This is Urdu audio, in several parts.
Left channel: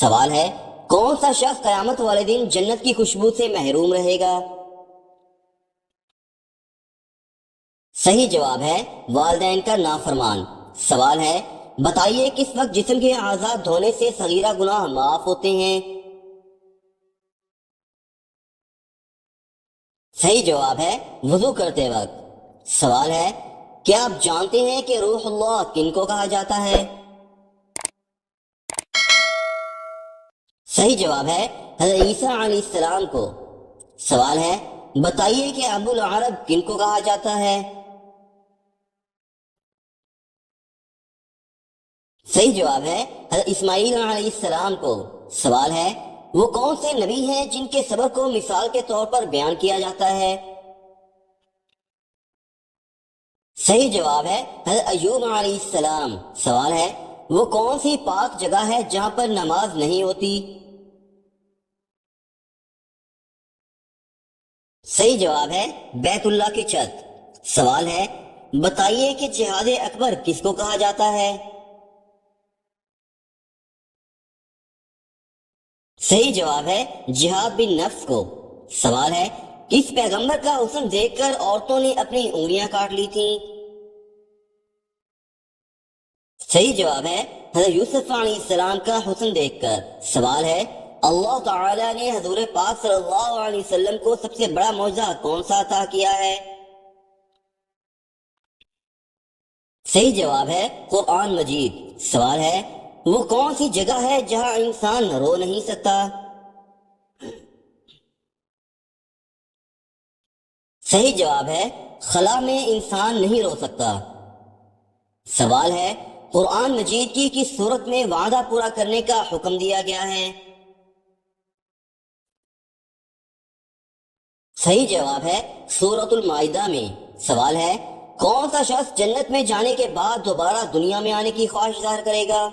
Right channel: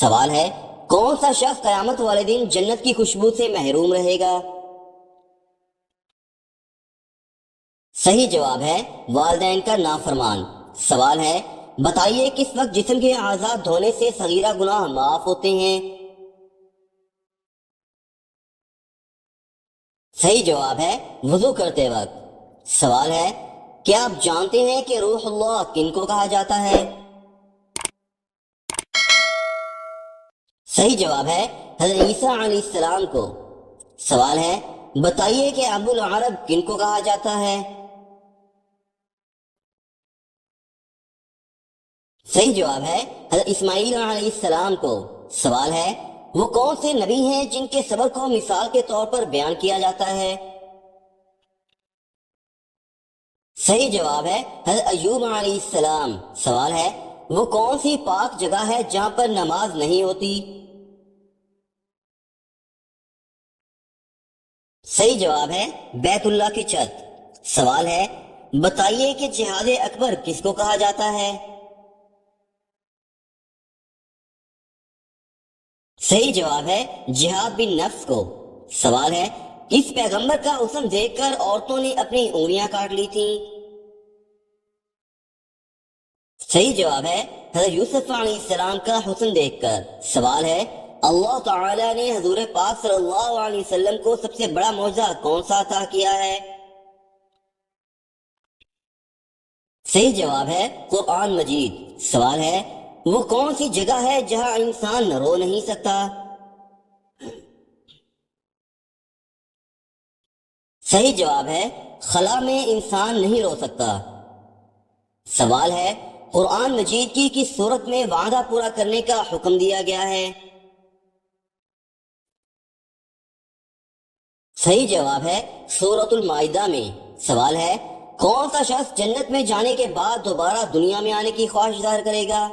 سوال ہے، کون سا شخص قیامت والے دن جنت کی خوشبو سے محروم رہے گا؟ صحیح جواب ہے والدین کا نافرمان۔ سوال ہے، بتائیے کس وقت جسم کے اعضاء دھونے سے صغیرہ گناہ معاف ہوتے ہیں؟ صحیح جواب ہے وضو کرتے وقت۔ سوال ہے، کیا آپ جانتے ہیں کہ روح اللہ کن کو کہا جاتا ہے؟ صحیح جواب ہے حضرت عیسیٰ علیہ السلام کو۔ سوال ہے، بتائیے کہ ابو العرب کن کو کہا جاتا ہے؟ صحیح جواب ہے حضرت اسماعیل علیہ السلام کو۔ سوال ہے، وہ کون سے نبی ہیں جن کے صبر کو مثال کے طور پر بیان کیا جاتا ہے؟ صحیح جواب ہے حضرت ایوب علیہ السلام۔ سوال ہے، وہ کون سی پاک جگہ ہے جہاں پر نماز نہیں ہوتی؟ صحیح جواب ہے بیت اللہ کی چھت۔ سوال ہے، بتائیے کہ جہاد اکبر کس کو کہا جاتا ہے؟ صحیح جواب ہے جہاد بن نفس کو۔ سوال ہے، کس پیغمبر کا حسن دیکھ کر عورتوں نے اپنی انگلیاں کاٹ لی تھیں؟ صحیح جواب ہے حضرت یوسف علیہ السلام کا حسن دیکھ کر۔ سوال ہے، اللہ تعالی نے حضور پاک صلی اللہ علیہ وسلم کو سب سے بڑا معجزہ کون سا عطا کیا ہے؟ صحیح جواب ہے قرآن مجید۔ سوال ہے، وہ کون سی جگہ ہے جہاں انسان رو نہیں سکتا؟ صحیح جواب ہے خلا میں انسان نہیں رو سکتا۔ سوال ہے، قرآن مجید کی کس صورت میں وعدہ پورا کرنے کا حکم دیا گیا ہے؟ صحیح جواب ہے سورۃ المائدہ میں۔ سوال ہے، کون سا شخص جنت میں جانے کے بعد دوبارہ دنیا میں آنے کی خواہش ظاہر کرے گا؟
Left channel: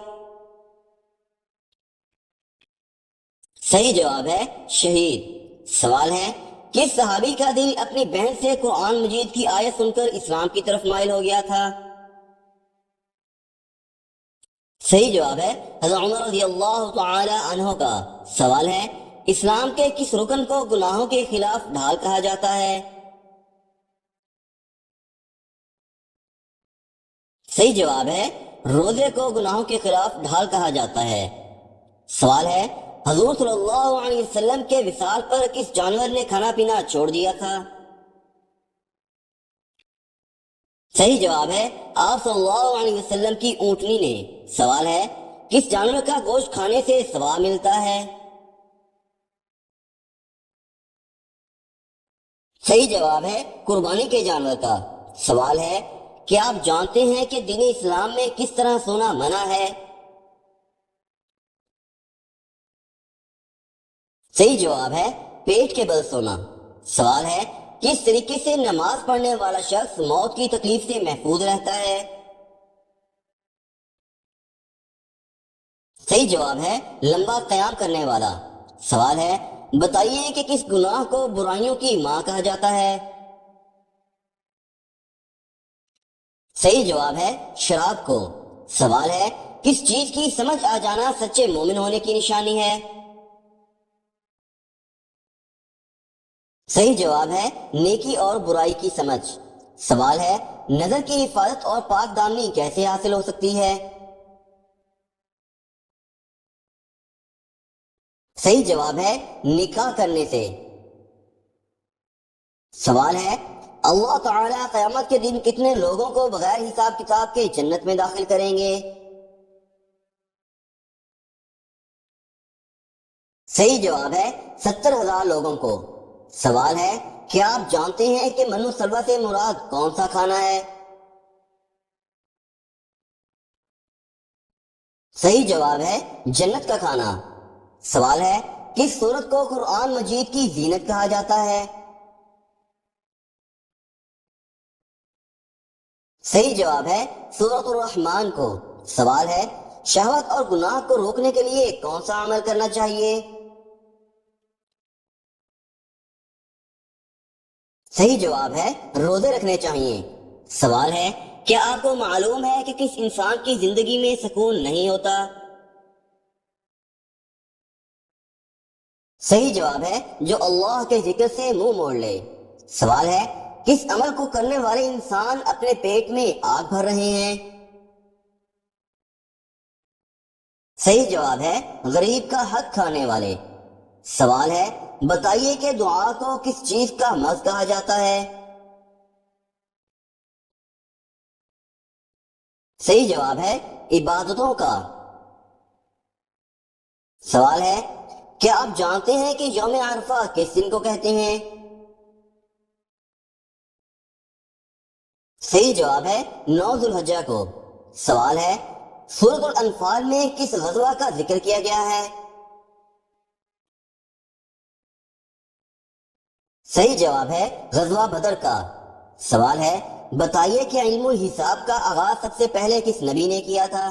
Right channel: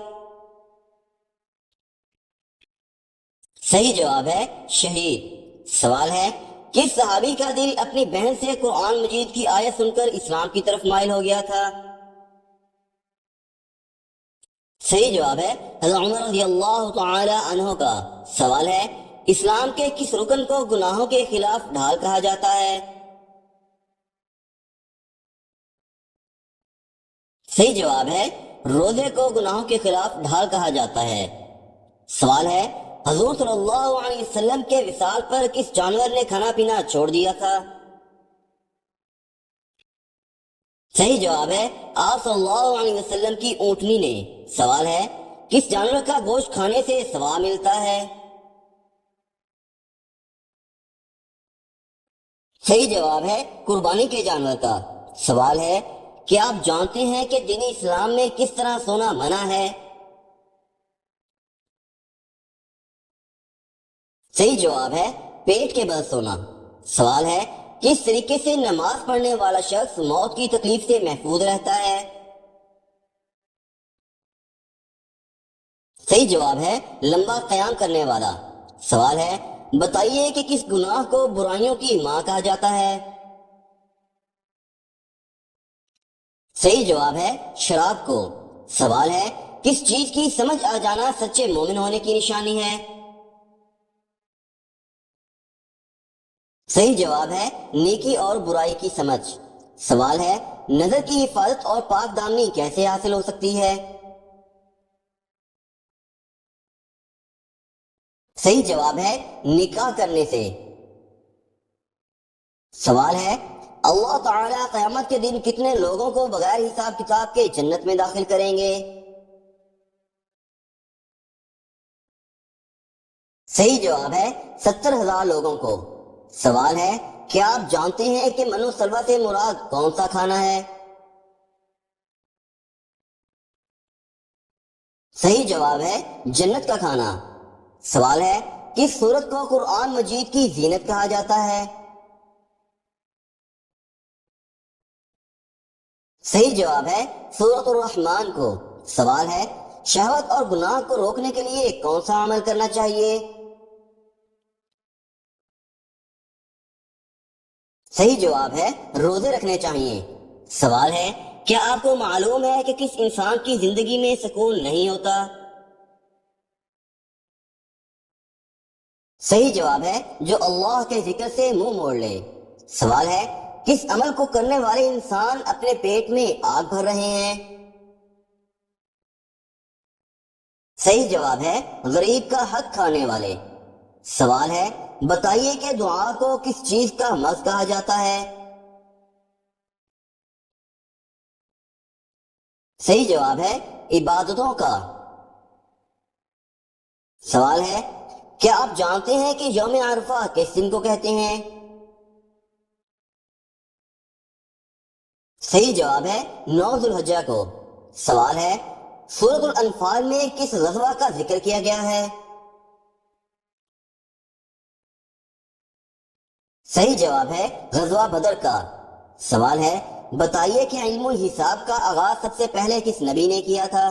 صحیح جواب ہے شہید۔ سوال ہے، کس صحابی کا دل اپنی بہن سے قرآن مجید کی آیت سن کر اسلام کی طرف مائل ہو گیا تھا؟ صحیح جواب ہے حضرت عمر رضی اللہ تعالی عنہ کا۔ سوال ہے، اسلام کے کس رکن کو گناہوں کے خلاف ڈھال کہا جاتا ہے؟ صحیح جواب ہے روزے کو گناہوں کے خلاف ڈھال کہا جاتا ہے۔ سوال ہے، حضور صلی اللہ علیہ وسلم کے وصال پر کس جانور نے کھانا پینا چھوڑ دیا تھا؟ صحیح جواب ہے آپ صلی اللہ علیہ وسلم کی اونٹنی نے۔ سوال ہے، کس جانور کا گوشت کھانے سے ثواب ملتا ہے؟ صحیح جواب ہے قربانی کے جانور کا۔ سوال ہے، کیا آپ جانتے ہیں کہ دین اسلام میں کس طرح سونا منع ہے؟ صحیح جواب ہے پیٹ کے بل سونا۔ سوال ہے، کس طریقے سے نماز پڑھنے والا شخص موت کی تکلیف سے محفوظ رہتا ہے؟ صحیح جواب ہے لمبا قیام کرنے والا۔ سوال ہے، بتائیے کہ کس گناہ کو برائیوں کی ماں کہا جاتا ہے؟ صحیح جواب ہے شراب کو۔ سوال ہے، کس چیز کی سمجھ آ جانا سچے مومن ہونے کی نشانی ہے؟ صحیح جواب ہے نیکی اور برائی کی سمجھ۔ سوال ہے، نظر کی حفاظت اور پاک دامنی کیسے حاصل ہو سکتی ہے؟ صحیح جواب ہے نکاح کرنے سے۔ سوال ہے، اللہ تعالیٰ قیامت کے دن کتنے لوگوں کو بغیر حساب کتاب کے جنت میں داخل کریں گے؟ صحیح جواب ہے 70,000 لوگوں کو۔ سوال ہے، کیا آپ جانتے ہیں کہ منو سلوا سے مراد کون سا کھانا ہے؟ صحیح جواب ہے جنت کا کھانا۔ سوال ہے، کس سورت کو قرآن مجید کی زینت کہا جاتا ہے؟ صحیح جواب ہے سورۃ الرحمن کو۔ سوال ہے، شہوت اور گناہ کو روکنے کے لیے کون سا عمل کرنا چاہیے؟ صحیح جواب ہے روزے رکھنے چاہیے۔ سوال ہے، کیا آپ کو معلوم ہے کہ کس انسان کی زندگی میں سکون نہیں ہوتا؟ صحیح جواب ہے جو اللہ کے ذکر سے منہ موڑ لے۔ سوال ہے کس عمل کو کرنے والے انسان اپنے پیٹ میں آگ بھر رہے ہیں؟ صحیح جواب ہے غریب کا حق کھانے والے۔ سوال ہے بتائیے کہ دعا کو کس چیز کا مغز کہا جاتا ہے؟ صحیح جواب ہے عبادتوں کا۔ سوال ہے کیا آپ جانتے ہیں کہ یوم عرفہ کس دن کو کہتے ہیں؟ صحیح جواب ہے 9 ذی الحجہ کو۔ سوال ہے سورۃ الانفال میں کس غزوہ کا ذکر کیا گیا ہے؟ صحیح جواب ہے غزوہ بدر کا۔ سوال ہے بتائیے کہ علم الحساب کا آغاز سب سے پہلے کس نبی نے کیا تھا؟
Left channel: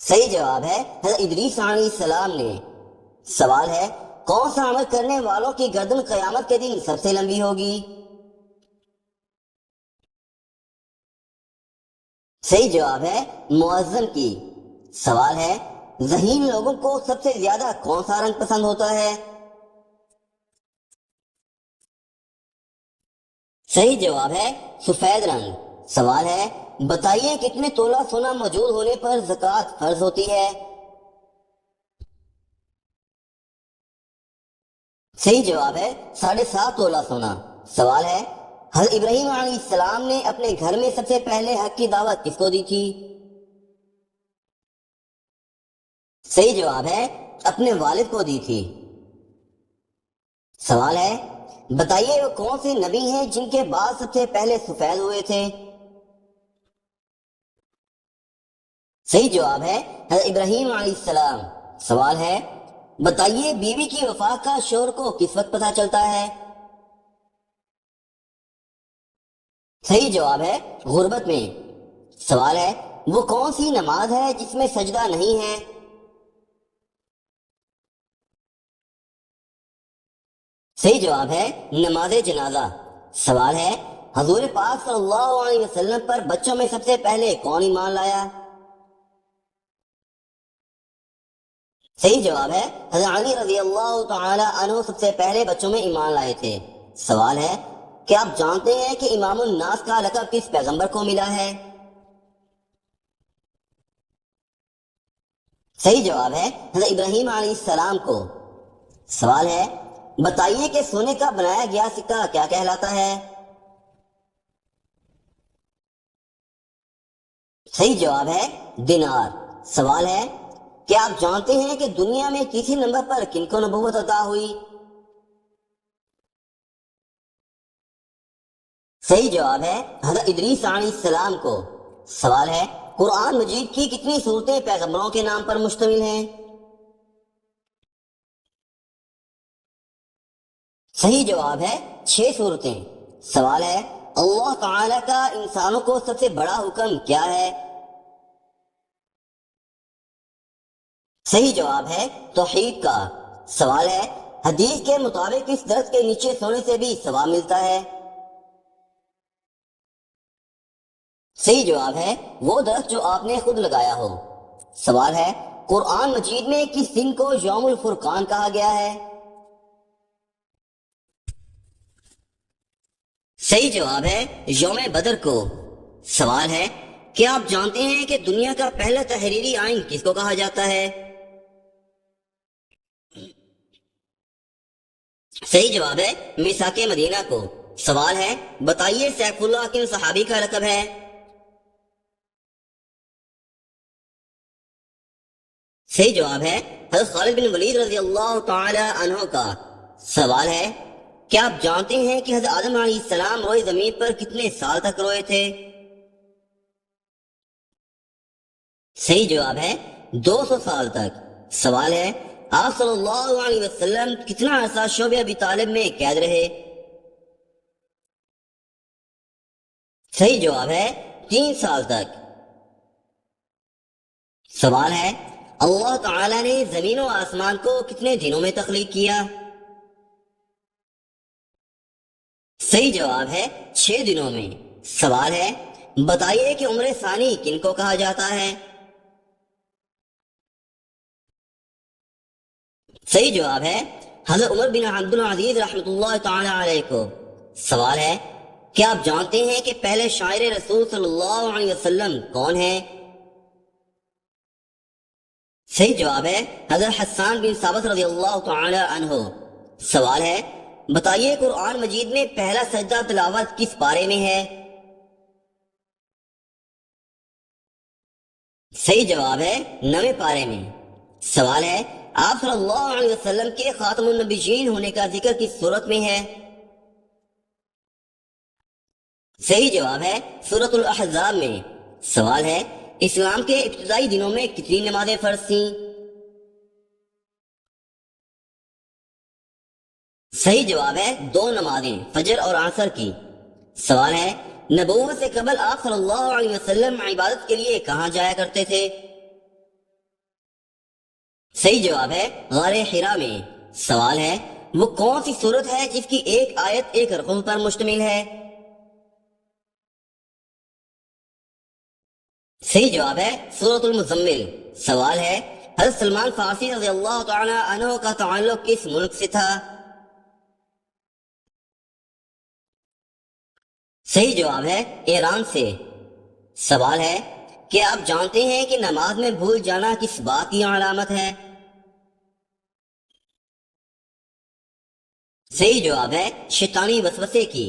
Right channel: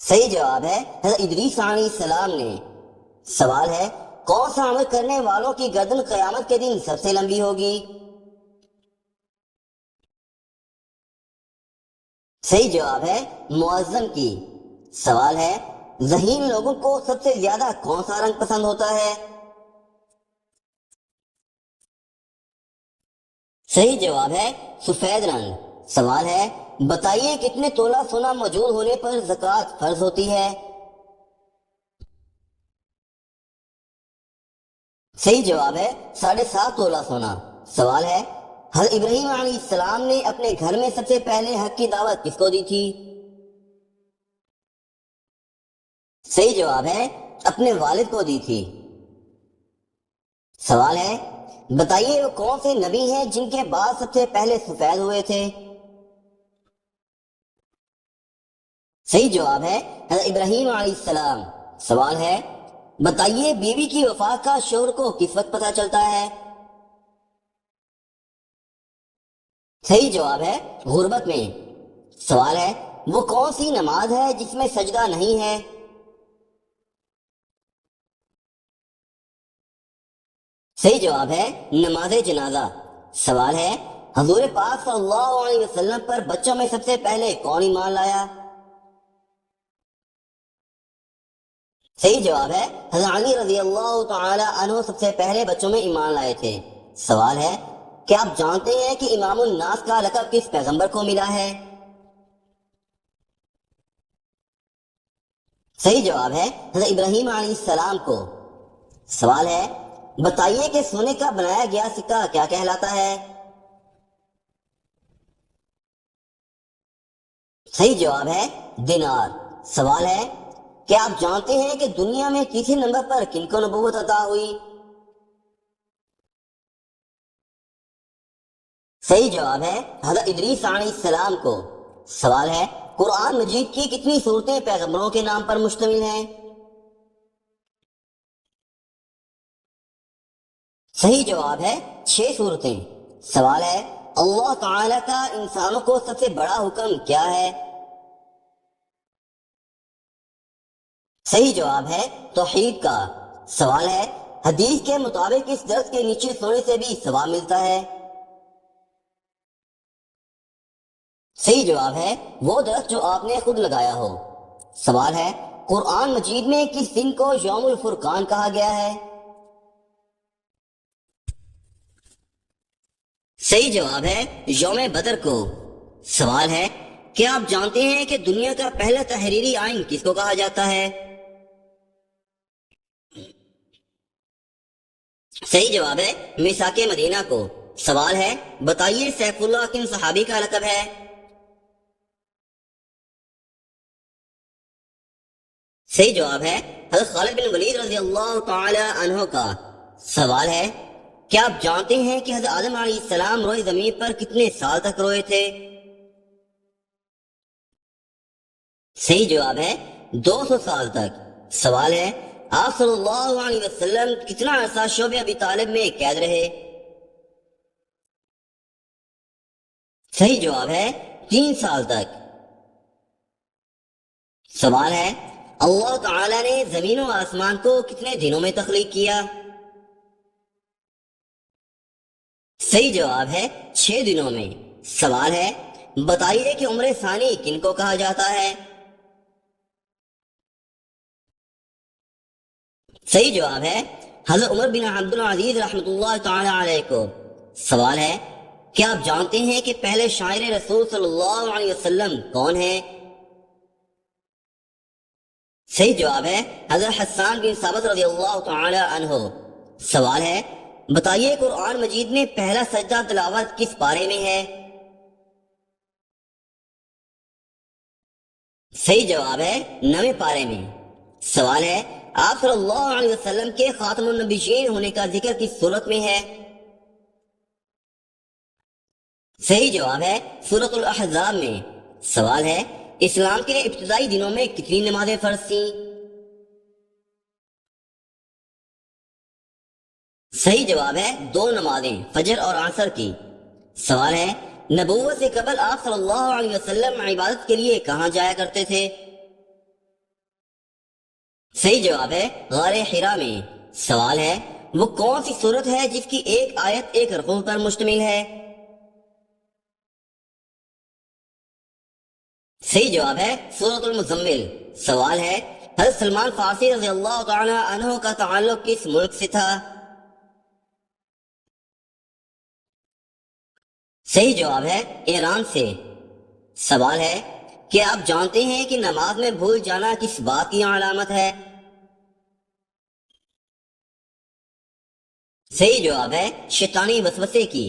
صحیح جواب ہے حضرت ادریس علیہ السلام نے۔ سوال ہے کون سا عمل کرنے والوں کی گردن قیامت کے دن سب سے لمبی ہوگی؟ صحیح جواب ہے مؤذن کی۔ سوال ہے ذہین لوگوں کو سب سے زیادہ کون سا رنگ پسند ہوتا ہے؟ صحیح جواب ہے سفید رنگ۔ سوال ہے بتائیے کتنے تولہ سونا موجود ہونے پر زکوٰۃ فرض ہوتی ہے؟ صحیح جواب ہے 7.5 تولہ سونا۔ سوال ہے حضرت ابراہیم علیہ السلام نے اپنے گھر میں سب سے پہلے حق کی دعوت کس کو دی تھی؟ صحیح جواب ہے اپنے والد کو دی تھی۔ سوال ہے بتائیے وہ کون سے نبی ہیں جن کے بال سب سے پہلے سفید ہوئے تھے؟ صحیح جواب ہے حضرت ابراہیم علیہ السلام۔ سوال ہے بتائیے بیوی کی وفات کا شوہر کو کس وقت پتہ چلتا ہے؟ صحیح جواب ہے غربت میں۔ سوال ہے وہ کون سی نماز ہے جس میں سجدہ نہیں ہے؟ صحیح جواب ہے نماز جنازہ۔ سوال ہے حضور پاک صلی اللہ علیہ وسلم پر بچوں میں سب سے پہلے کون ایمان لایا؟ صحیح جواب ہے حضرت علی رضی اللہ تعالی عنہ سب سے پہلے بچوں میں ایمان لائے تھے۔ سوال ہے کیا آپ جانتے ہیں کہ امام الناس کا لقب کس پیغمبر کو ملا ہے؟ صحیح جواب ہے حضرت ابراہیم علیہ السلام کو۔ سوال ہے بتائیے کہ سونے کا بنایا گیا سکہ کیا کہلاتا ہے؟ صحیح جواب ہے دینار۔ سوال ہے کیا آپ جانتے ہیں کہ دنیا میں تیسرے نمبر پر کن کو نبوت عطا ہوئی؟ صحیح جواب ہے حضرت ادریس علیہ السلام کو۔ سوال ہے قرآن مجید کی کتنی صورتیں پیغمبروں کے نام پر مشتمل ہیں؟ صحیح جواب ہے 6 صورتیں۔ سوال ہے اللہ تعالی کا انسانوں کو سب سے بڑا حکم کیا ہے؟ صحیح جواب ہے توحید کا۔ سوال ہے حدیث کے مطابق اس درخت کے نیچے سونے سے بھی ثواب ملتا ہے؟ صحیح جواب ہے وہ درخت جو آپ نے خود لگایا ہو۔ سوال ہے قرآن مجید میں کس دن کو یوم الفرقان کہا گیا ہے؟ صحیح جواب ہے یوم بدر کو۔ سوال ہے کیا آپ جانتے ہیں کہ دنیا کا پہلا تحریری آئین کس کو کہا جاتا ہے؟ صحیح جواب ہے میثاق مدینہ کو۔ سوال ہے بتائیے سیف اللہ کن صحابی کا لقب ہے؟ صحیح جواب ہے حضرت خالد بن ولید رضی اللہ تعالی عنہ کا۔ سوال ہے کیا آپ جانتے ہیں کہ حضرت آدم علیہ السلام روئے زمین پر کتنے سال تک روئے تھے؟ صحیح جواب ہے 200 سال تک۔ سوال ہے آپ صلی اللہ علیہ وسلم کتنا عرصہ شعب ابی طالب میں قید رہے؟ صحیح جواب ہے 3 سال تک۔ سوال ہے اللہ تعالی نے زمین و آسمان کو کتنے دنوں میں تخلیق کیا؟ صحیح جواب ہے 6 دنوں میں۔ سوال ہے بتائیے کہ عمر ثانی کن کو کہا جاتا ہے؟ صحیح جواب ہے حضرت عمر بن عبد العزیز رحمۃ اللہ تعالی علیہ کو۔ سوال ہے کیا آپ جانتے ہیں کہ پہلے شاعر رسول صلی اللہ علیہ وسلم کون ہیں؟ صحیح جواب ہے حضرت حسان بن ثابت رضی اللہ تعالی عنہ۔ سوال ہے بتائیے قرآن مجید میں پہلا سجدہ تلاوت کس پارے میں ہے؟ صحیح جواب ہے 9ویں پارے میں۔ سوال ہے آپ صلی اللہ علیہ وسلم کے خاتم النبیین ہونے کا ذکر کس صورت میں ہے؟ صحیح جواب ہے سورۃ الاحزاب میں۔ سوال ہے اسلام کے ابتدائی دنوں میں کتنی نمازیں فرض تھیں؟ صحیح جواب ہے 2 نمازیں فجر اور عصر کی۔ سوال ہے نبوت سے قبل آپ صلی اللہ علیہ وسلم عبادت کے لیے کہاں جایا کرتے تھے؟ صحیح جواب ہے غار حرا میں۔ سوال ہے وہ کون سی سورت ہے جس کی ایک آیت ایک رکوع پر مشتمل ہے؟ صحیح جواب ہے سورۃ المزمل۔ سوال ہے حضرت سلمان فارسی رضی اللہ تعالی عنہ کا تعلق کس ملک سے تھا؟ صحیح جواب ہے ایران سے۔ سوال ہے کیا آپ جانتے ہیں کہ نماز میں بھول جانا کس بات کی علامت ہے؟ صحیح جواب ہے شیطانی وسوسے کی۔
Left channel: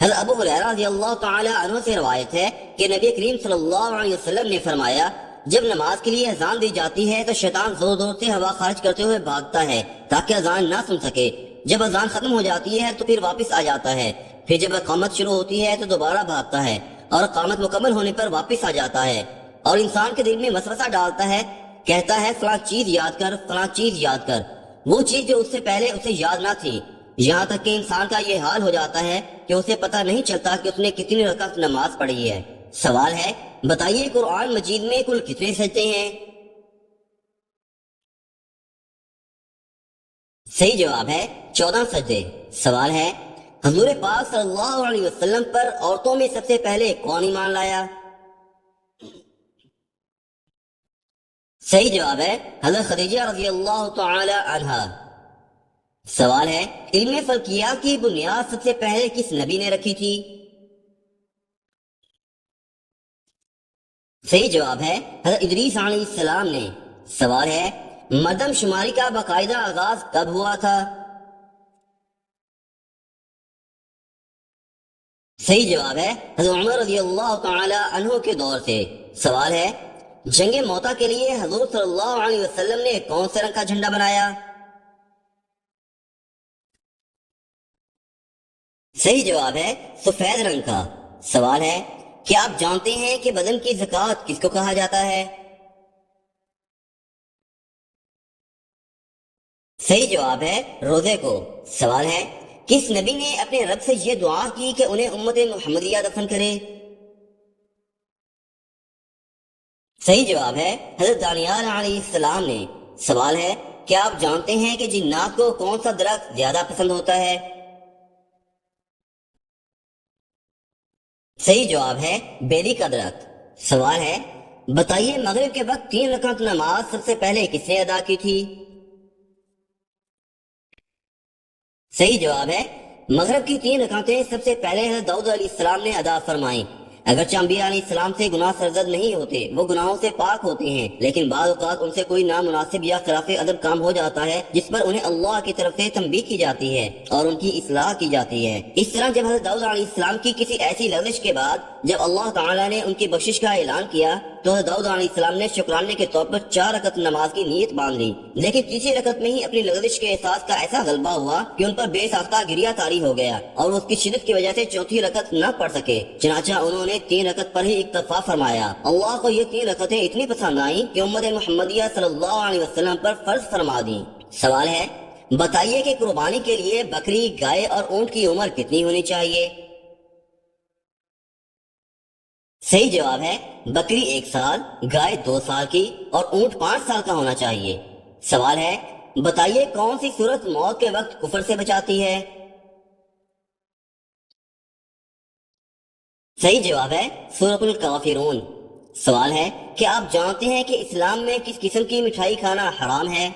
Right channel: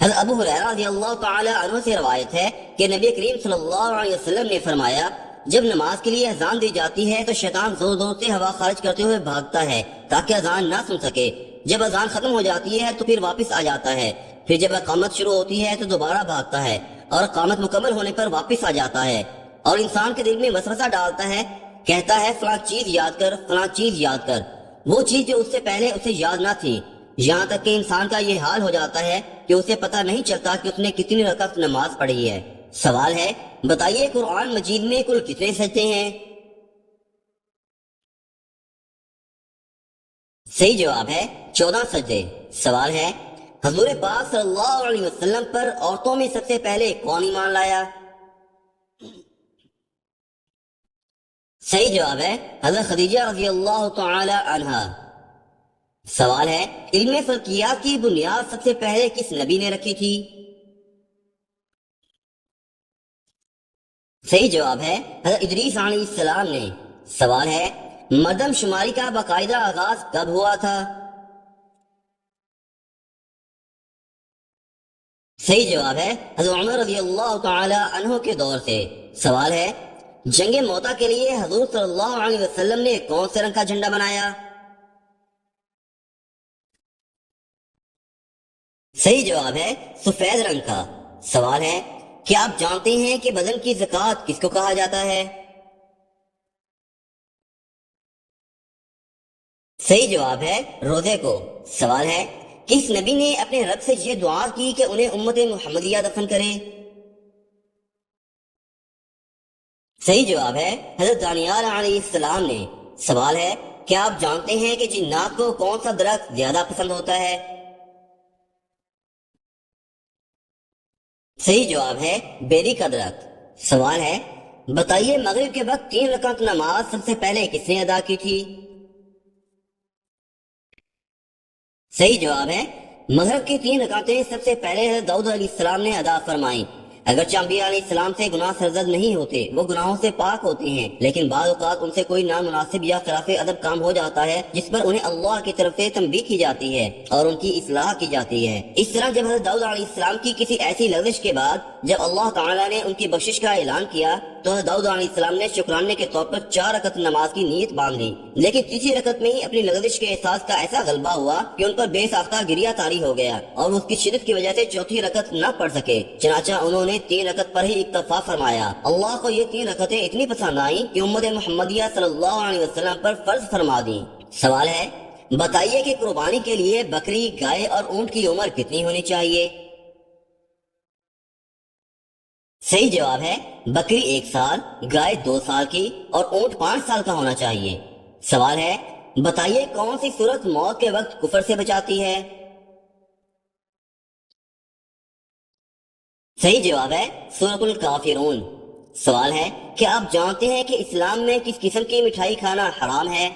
حضرت ابو ہریرہ رضی اللہ تعالی عنہ سے روایت ہے کہ نبی کریم صلی اللہ علیہ وسلم نے فرمایا جب نماز کے لیے اذان دی جاتی ہے تو شیطان زور زور سے ہوا خارج کرتے ہوئے بھاگتا ہے تاکہ اذان نہ سن سکے۔ جب اذان ختم ہو جاتی ہے تو پھر واپس آ جاتا ہے، پھر جب اقامت شروع ہوتی ہے تو دوبارہ بھاگتا ہے اور اقامت مکمل ہونے پر واپس آ جاتا ہے اور انسان کے دل میں وسوسہ ڈالتا ہے، کہتا ہے فلاں چیز یاد کر، فلاں چیز یاد کر، وہ چیز جو اس سے پہلے اسے یاد نہ تھی، یہاں تک کہ انسان کا یہ حال ہو جاتا ہے کہ اسے پتہ نہیں چلتا کہ اس نے کتنی رکعت نماز پڑھی ہے۔ سوال ہے بتائیے قرآن مجید میں کل کتنے سجدے ہیں؟ صحیح جواب ہے 14 سجدے۔ سوال ہے حضور پاک صلی اللہ علیہ وسلم پر عورتوں میں سب سے پہلے کون ایمان لایا؟ صحیح جواب ہے حضرت خدیجہ رضی اللہ تعالی عنہا۔ سوال ہے علم فلکیات کی بنیاد سب سے پہلے کس نبی نے رکھی تھی؟ صحیح جواب ہے حضرت ادریس علیہ السلام نے۔ سوال ہے مردم شماری کا باقاعدہ آغاز کب ہوا تھا؟ صحیح جواب ہے حضرت عمر رضی اللہ تعالی عنہ کے دور سے۔ سوال ہے جنگ موتا کے لیے حضور صلی اللہ علیہ وسلم نے کون سے رنگ کا جھنڈا بنایا؟ صحیح جواب ہے سفید رنگ کا۔ سوال ہے کیا آپ جانتے ہیں کہ بدن کی زکوٰۃ کس کو کہا جاتا ہے؟ صحیح جواب ہے روزے کو۔ سوال ہے کس نبی نے اپنے رب سے یہ دعا کی کہ انہیں امت محمدیہ دفن کرے؟ صحیح جواب ہے حضرت دانیال علیہ السلام نے۔ سوال ہے کیا آپ جانتے ہیں کہ جنات کو کون سا درخت زیادہ پسند ہوتا ہے؟ صحیح جواب ہے بیری کا درخت۔ سوال ہے بتائیے مغرب کے وقت 3 رکعت نماز سب سے پہلے کس نے ادا کی تھی؟ صحیح جواب ہے مغرب کی 3 رکعتیں سب سے پہلے حضرت داؤد علیہ السلام نے ادا فرمائیں۔ اگرچہ انبیاء علیہ السلام سے گناہ سرزد نہیں ہوتے، وہ گناہوں سے پاک ہوتے ہیں، لیکن بعض اوقات ان سے کوئی نامناسب یا خلاف ادب کام ہو جاتا ہے جس پر انہیں اللہ کی طرف سے تنبیہ کی جاتی ہے اور ان کی اصلاح کی جاتی ہے۔ اس طرح جب حضرت داؤد علیہ السلام کی کسی ایسی لغزش کے بعد جب اللہ تعالیٰ نے ان کی بخشش کا اعلان کیا تو حضرت داؤد علیہ السلام نے شکرانے کے طور پر 4 رکعت نماز کی نیت باندھ لی، لیکن تیسری رکعت میں ہی اپنی لغزش کے احساس کا ایسا غلبہ ہوا کہ ان پر بے ساختہ گریہ طاری ہو گیا اور اس کی شدت کی وجہ سے چوتھی رکعت نہ پڑھ سکے، چنانچہ انہوں نے 3 رکعت پر ہی اکتفا فرمایا۔ اللہ کو یہ 3 رکعتیں اتنی پسند آئیں کہ امت محمدیہ صلی اللہ علیہ وسلم پر فرض فرما دیں۔ سوال ہے بتائیے کہ قربانی کے لیے بکری، گائے اور اونٹ کی عمر کتنی ہونی چاہیے؟ صحیح جواب ہے بکری 1 سال، گائے 2 سال کی اور اونٹ 5 سال کا ہونا چاہیے۔ سوال ہے بتائیے کون سی صورت موت کے وقت کفر سے بچاتی ہے؟ صحیح جواب ہے سورۃ الکافرون۔ سوال ہے کہ آپ جانتے ہیں کہ اسلام میں کس قسم کی مٹھائی کھانا حرام ہے؟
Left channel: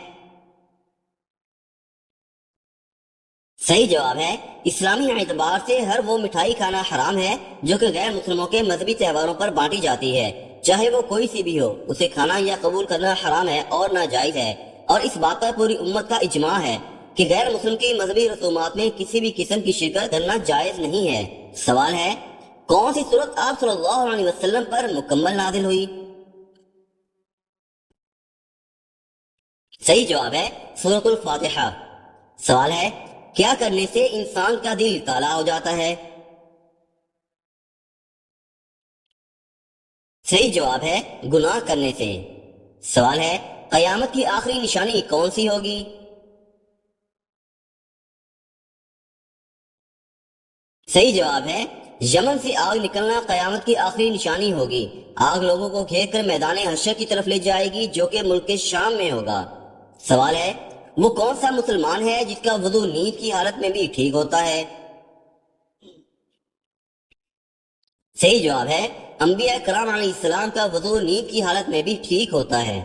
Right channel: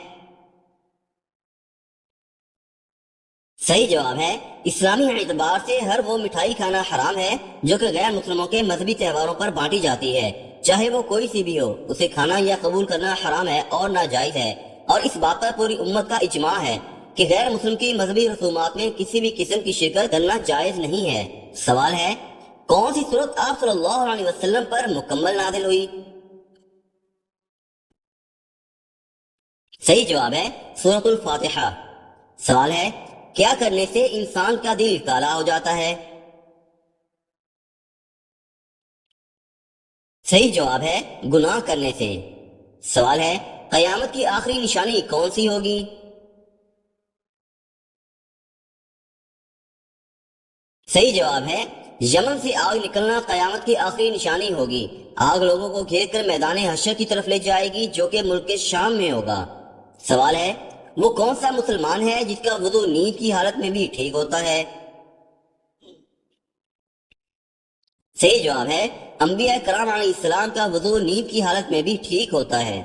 صحیح جواب ہے اسلامی اعتبار سے ہر وہ مٹھائی کھانا حرام ہے جو کہ غیر مسلموں کے مذہبی تہواروں پر بانٹی جاتی ہے، چاہے وہ کوئی سی بھی ہو، اسے کھانا یا قبول کرنا حرام ہے اور ناجائز ہے، اور اس بات پر پوری امت کا اجماع ہے کہ غیر مسلم کی مذہبی رسومات میں کسی بھی قسم کی شرکت کرنا جائز نہیں ہے۔ سوال ہے کون سی صورت آپ صلی اللہ علیہ وسلم پر مکمل نازل ہوئی؟ صحیح جواب ہے سورۃ الفاتحہ۔ سوال ہے کیا کرنے سے انسان کا دل کالا ہو جاتا ہے؟ صحیح جواب ہے گناہ کرنے سے۔ سوال ہے قیامت کی آخری نشانی کون سی ہوگی؟ صحیح جواب ہے یمن سے آگ نکلنا قیامت کی آخری نشانی ہوگی۔ آگ لوگوں کو گھیر کر میدان حشر کی طرف لے جائے گی جو کہ ملک کے شام میں ہوگا۔ سوال ہے وہ کون سا مسلمان ہے جس کا وضو نیند کی حالت میں بھی ٹھیک ہوتا ہے؟ صحیح جواب ہے انبیاء کرام علیہ السلام کا وضو نیند کی حالت میں بھی ٹھیک ہوتا ہے۔